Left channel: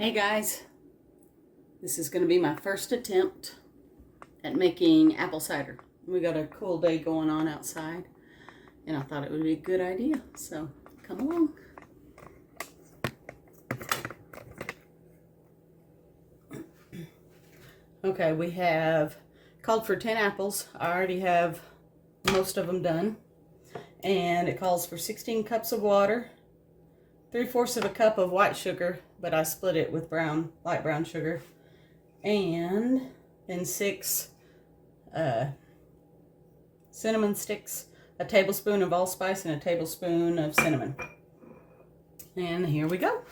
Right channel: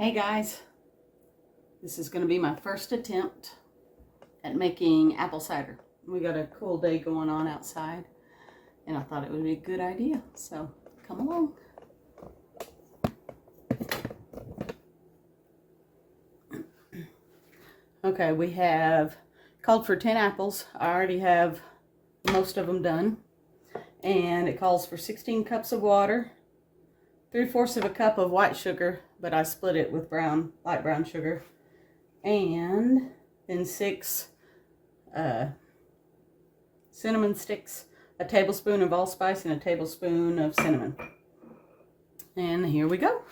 Hey guys, this is going to be my first attempt at making apple cider. We got a cool day going on outside and I thought it would be a good idea, so come along. Okay, we have called for 10 apples. I already have most of them done, and it calls for 16 cups of water, 3/4 of a cup of white sugar, but I split it with light brown sugar, and then 6 cinnamon sticks, a tablespoon of allspice, and a tablespoon of cinnamon. And here we go.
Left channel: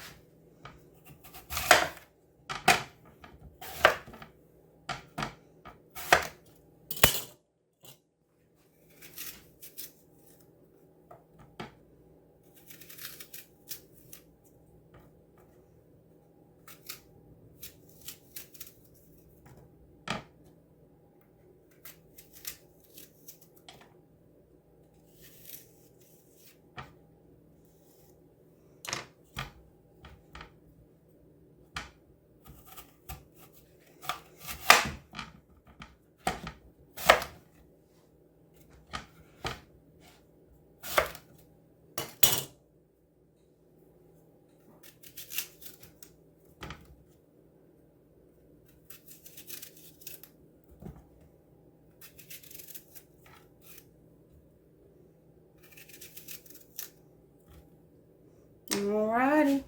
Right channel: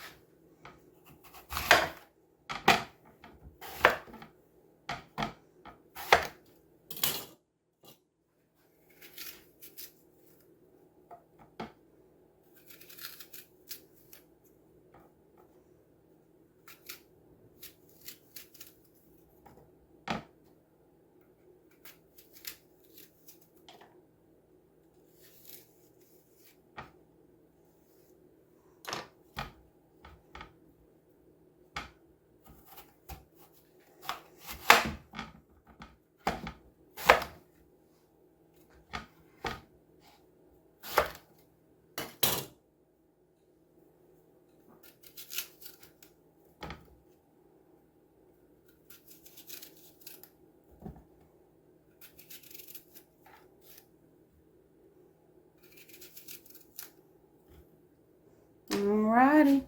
Alrighty,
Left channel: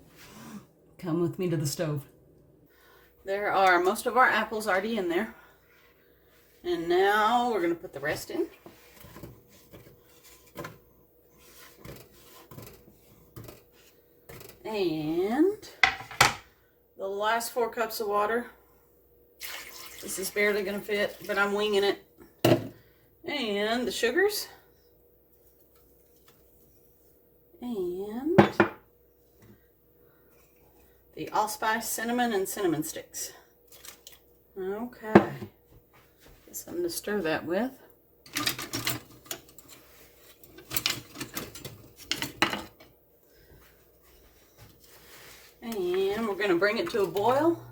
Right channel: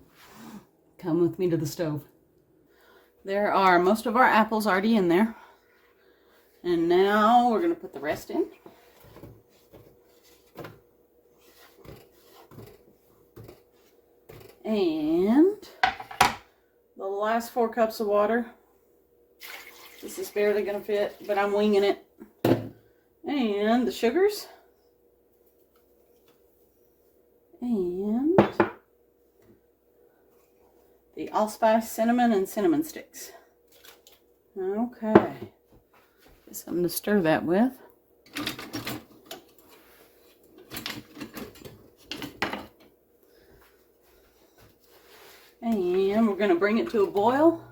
come with me to the stove. There are most of our apples already in there. And now we're going to put the rest in. And the last 4 cups of water. This is barely going to fit, but I'm winging it. And the sugars. And the allspice, cinnamon, and cinnamon sticks. Okay. Something to stir that with. And we're going to bring it to a boil.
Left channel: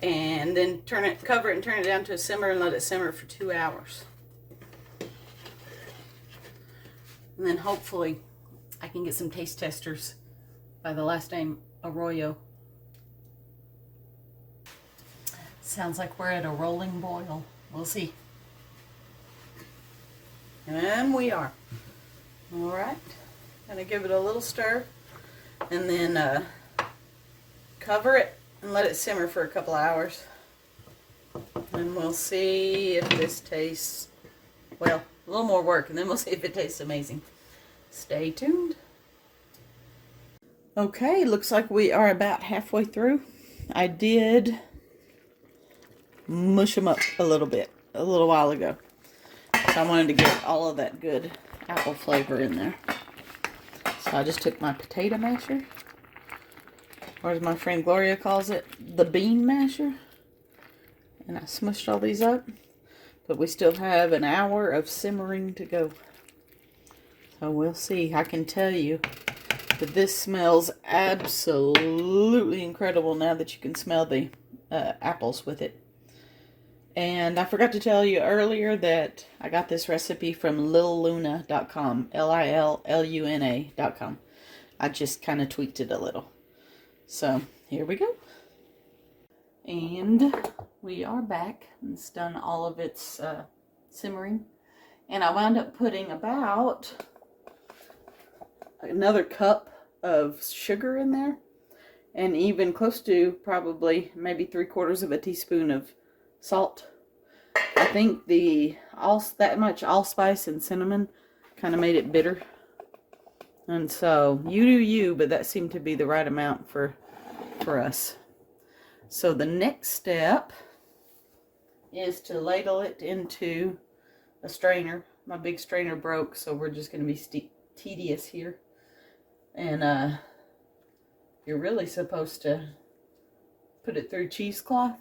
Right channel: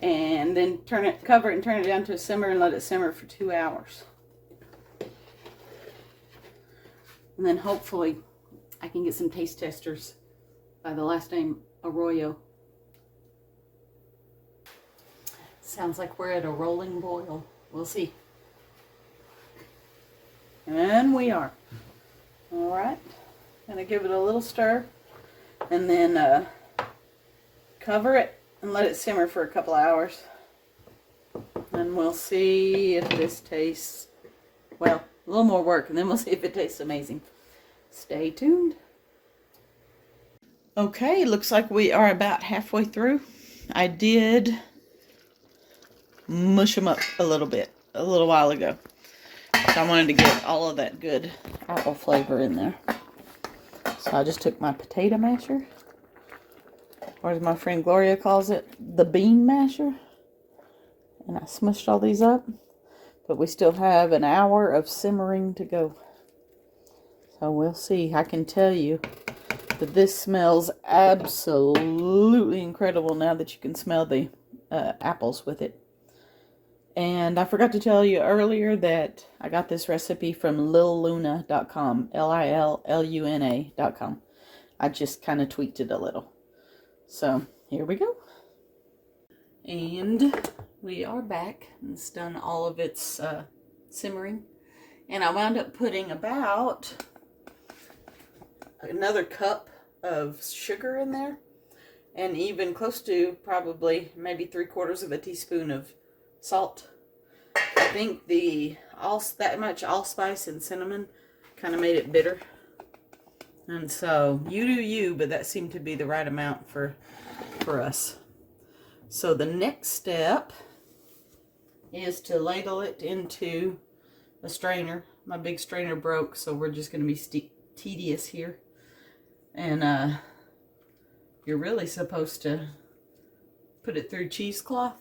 And then cover it and turn it down to a simmer and let it simmer for 2 hours. And then hopefully I can get some taste testers by the last name Arroyo. Sounds like we're at a rolling boil. We'll see. And we are. Alright. Gonna give it a little stir and then cover it and let it simmer for a couple hours. And we'll see if this tastes, well, a little more work, and then we'll see if it tastes amazing. Stay tuned. Okay, looks like we are about halfway through. I did mush them up a little while ago. So I wanted to get all of that good apple flavor in there. So I just took my potato masher, or as my friend Gloria calls it, the bean masher, and I smushed all these up. But we still have an hour of simmering to go. So we'll see. I can tell you that this smells absolutely incredible now that you can smell the apples with it. And I forgot to tell you earlier that I got this recipe from lilluna.com, Lilluna.com. I just kind of tweaked it a little. So here we go. And we are back. It's done all of its simmering. And I wound up putting about another cup of sugar in there. And even close to probably maybe 3/4 of a teaspoon of salt. I think that much allspice and cinnamon kind of made it bitter. And so you do you, but that seemed to be the right amount for us. So the next step is to ladle it into a strainer. My big strainer broke, so we're just going to be tedious here. And you're really supposed to put it through cheesecloth,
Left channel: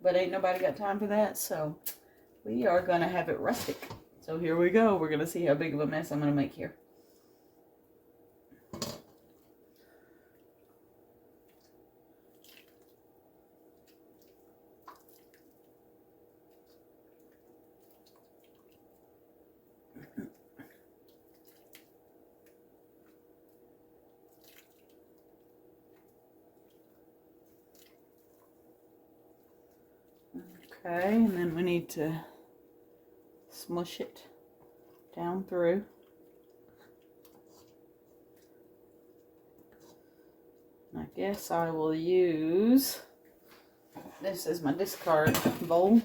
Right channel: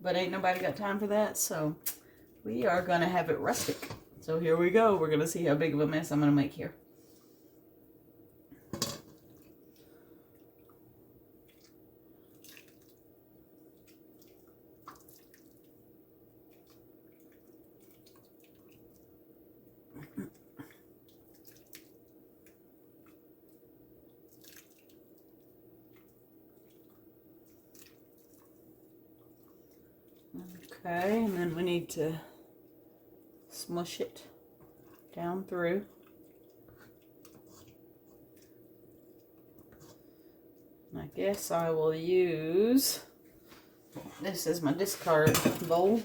but ain't nobody got time for that, so we are going to have it rustic. So here we go. We're going to see how big of a mess I'm going to make here. Okay, and then we need to smush it down through. I guess I will use this as my discard bowl.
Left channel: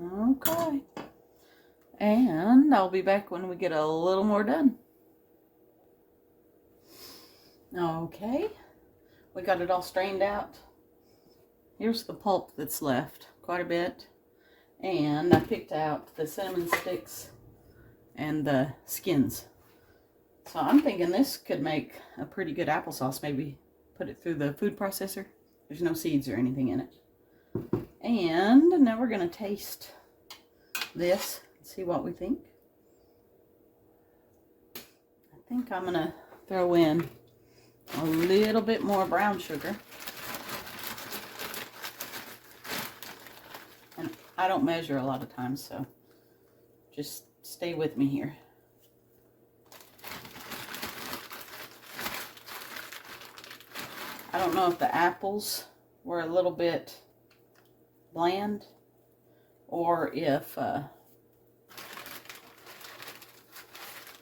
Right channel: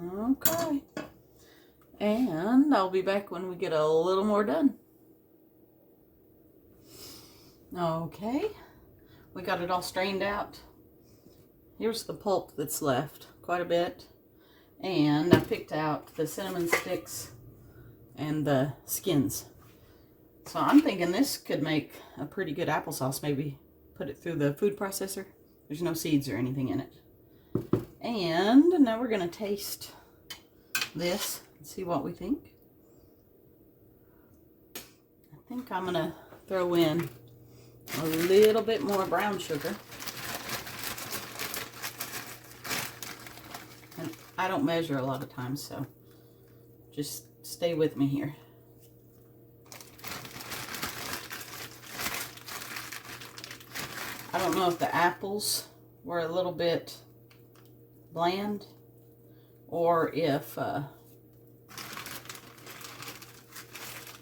Okay. And I'll be back when we get a little more done. Okay. We got it all strained out. Here's the pulp that's left. Quite a bit. And I picked out the cinnamon sticks and the skins. So I'm thinking this could make a pretty good applesauce. Maybe put it through the food processor. There's no seeds or anything in it. And now we're going to taste this and see what we think. I think I'm going to throw in a little bit more brown sugar. And I don't measure a lot of times, so just stay with me here. I don't know if the apples were a little bit bland or if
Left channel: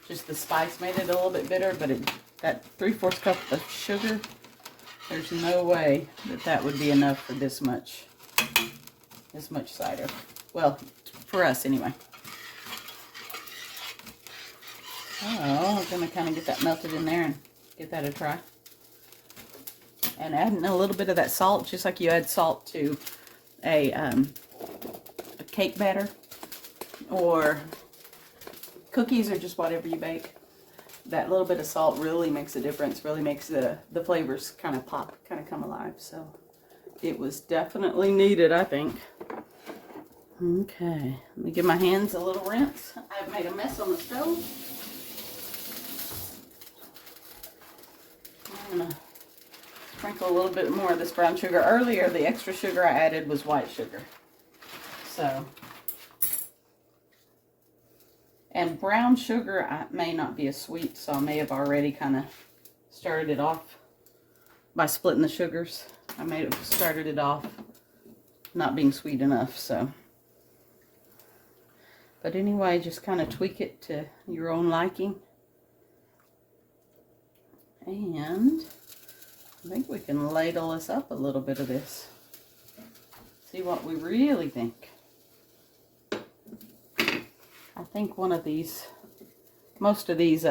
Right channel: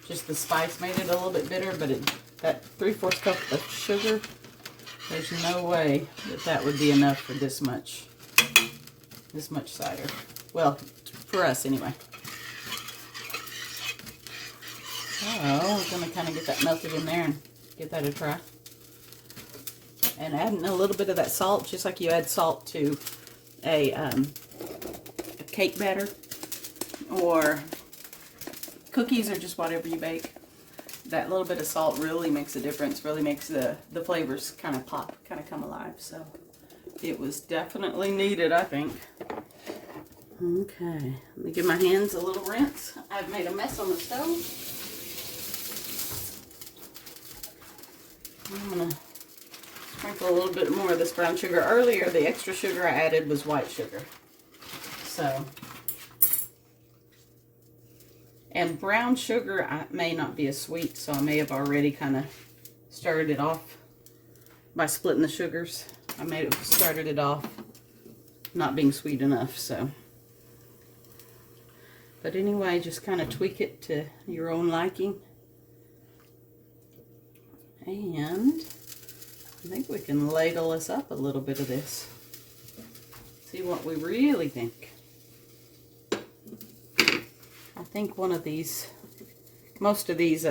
just the spice made it a little bit bitter, but that 3/4 cup of sugar, there's no way that would be enough for this much cider. Well, for us anyway. Oh, I'm gonna kind of get that melted in there and give that a try. And adding a little bit of that salt, just like you add salt to a cake batter or cookies or just whatever you bake. That little bit of salt really makes a difference, really makes the flavors kind of pop, kind of come alive. So it was definitely needed, I think. Okay, let me give my hands a little rinse. I've made a mess on the stove. I'm going to sprinkle a little bit more of this brown sugar. Earlier, the extra sugar I added was white sugar. So, and brown sugar may not be as sweet, so I may have already kind of started it off by splitting the sugars. I may have started it off not being sweet enough, so. But anyway, just kind of tweak it to your own liking. And I think we can ladle us up a little bit of this. See what we really think. I think one of these, most of these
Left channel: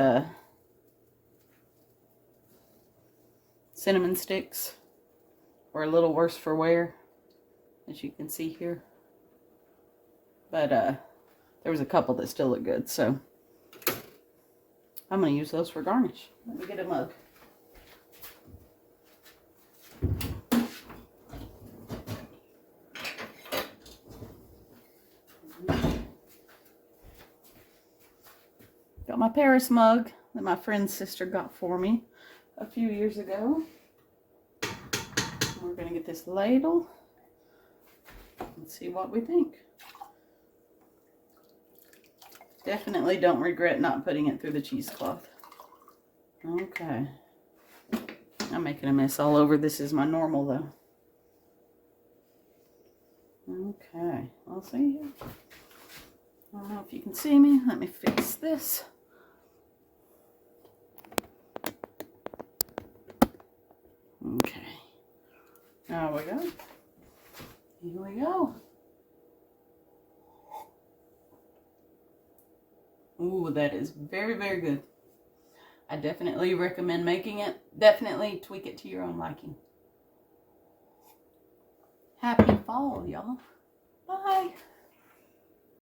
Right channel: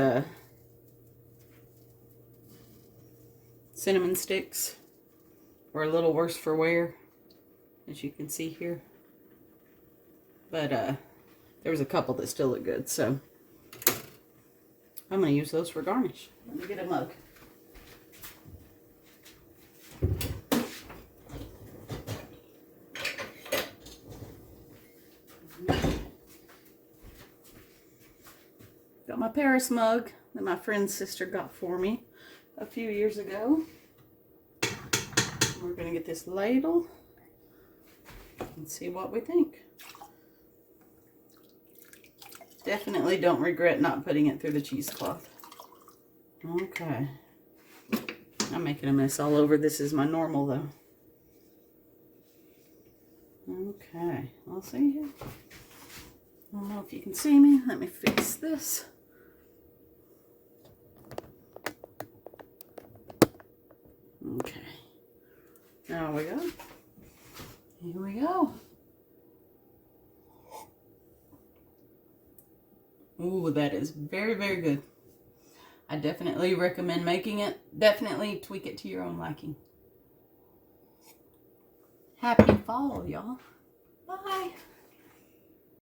cinnamon sticks were a little worse for wear, as you can see here. But there was a couple that still look good, so I'm going to use those for garnish. Let me get a mug. Got my Paris mug that my friend's sister got for me a few years ago. We're going to get this ladle and see what we think. Definitely don't regret not putting it through the cheesecloth. Okay. I'm making a mess all over. This is my normal though. Okay, I'll see here. I don't know if you can see me. Let me fix this. Okay. There we go. Here we go. Ooh, that is very, very good. I definitely recommend making it. Definitely tweak it to your own liking. Happy fall, y'all. Bye.